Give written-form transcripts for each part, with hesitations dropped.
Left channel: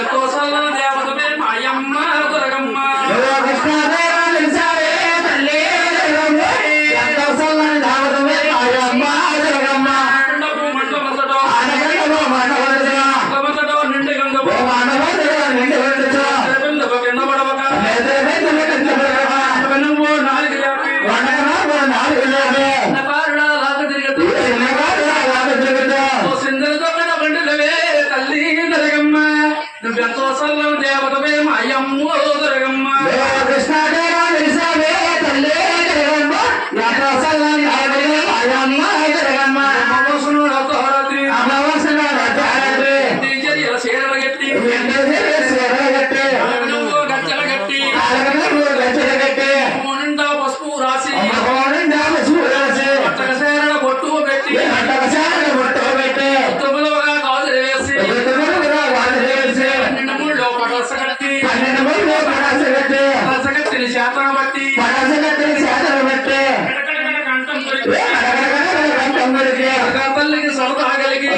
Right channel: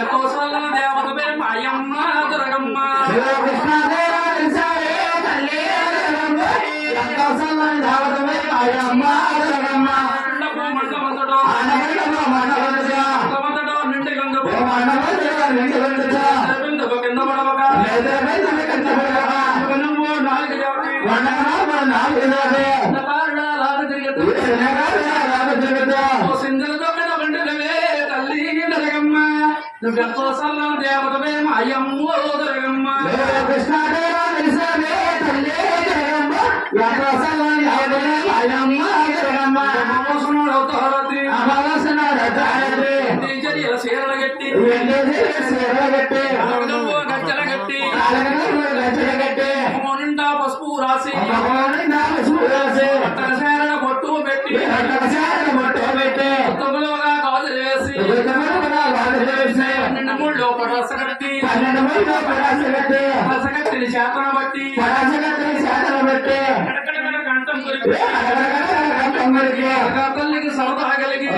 నువ్వెంతో సల్ల దేవతవే మాయమ్మ దుర్గమ్మ నువ్వెంతో సల్ల దేవతవే మాయమ్మ దుర్గమ్మ నిండా పసుపు రాసి బొట్టు పెట్టి తొమ్మిదవగా గాజులు వేసి పటసగట్టిని శాతం బట్టి తల్లికి సరదా కలిగి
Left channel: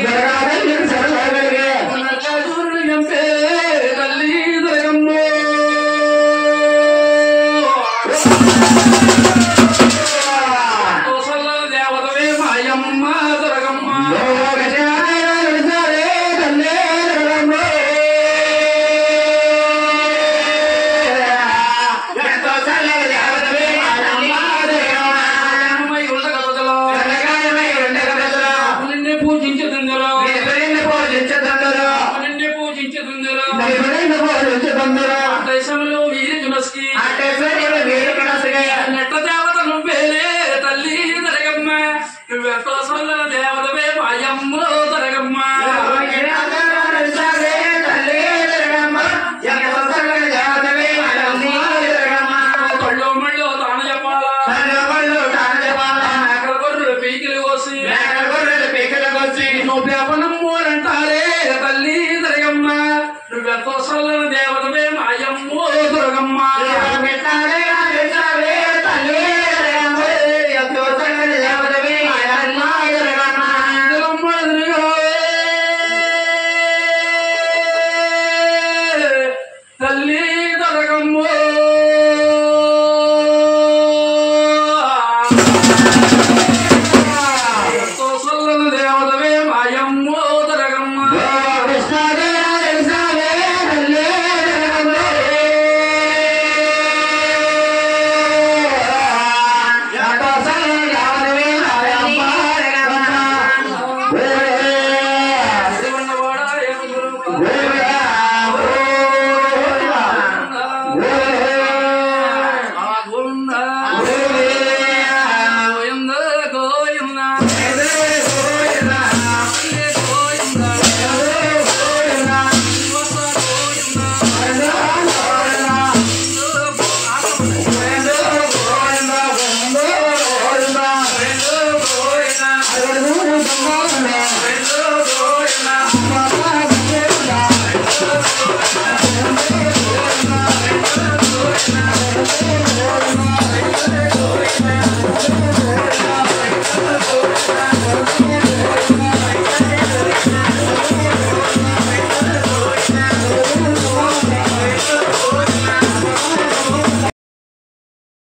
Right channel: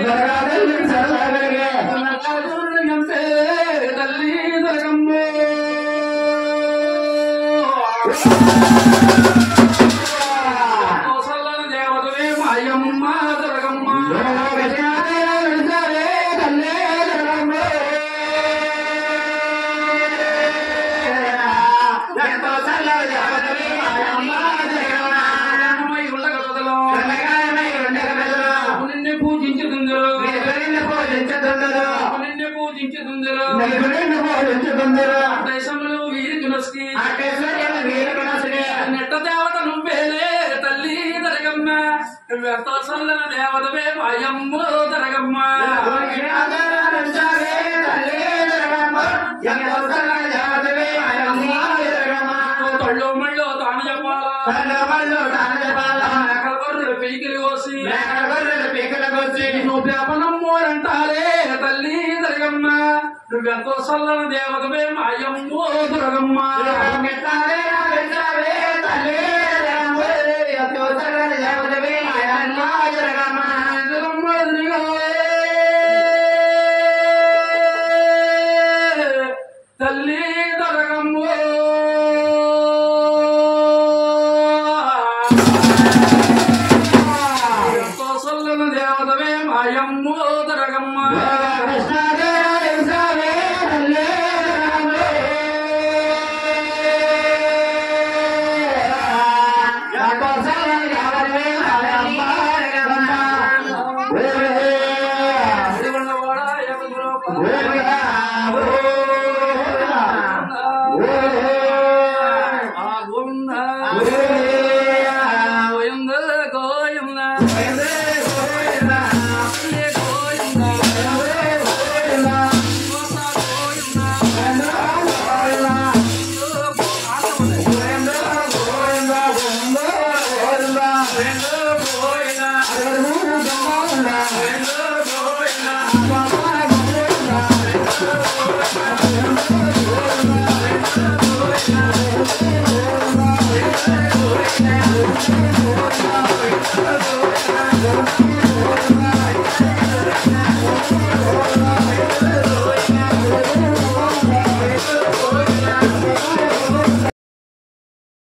తల్లి దుర్గమ్మ దేవతవే మాయమ్మ దుర్గమ్మ దేశంలో నెట్ట దేవత నువ్వేలే తల్లి దుర్గమ్మ నువ్వెంతో సల్ల దేవతవే మాయమ్మ దుర్గమ్మ తొళ్ళు మళ్ళీ తాను చెప్పాలా గొర్రెలు పీకిలు కోసి నువ్వు పేపనమ్మోరంటారే తల్లి దుర్గమ్మ నువ్వెంతో సల్ల దేవతవే మాయమ్మ దుర్గమ్మ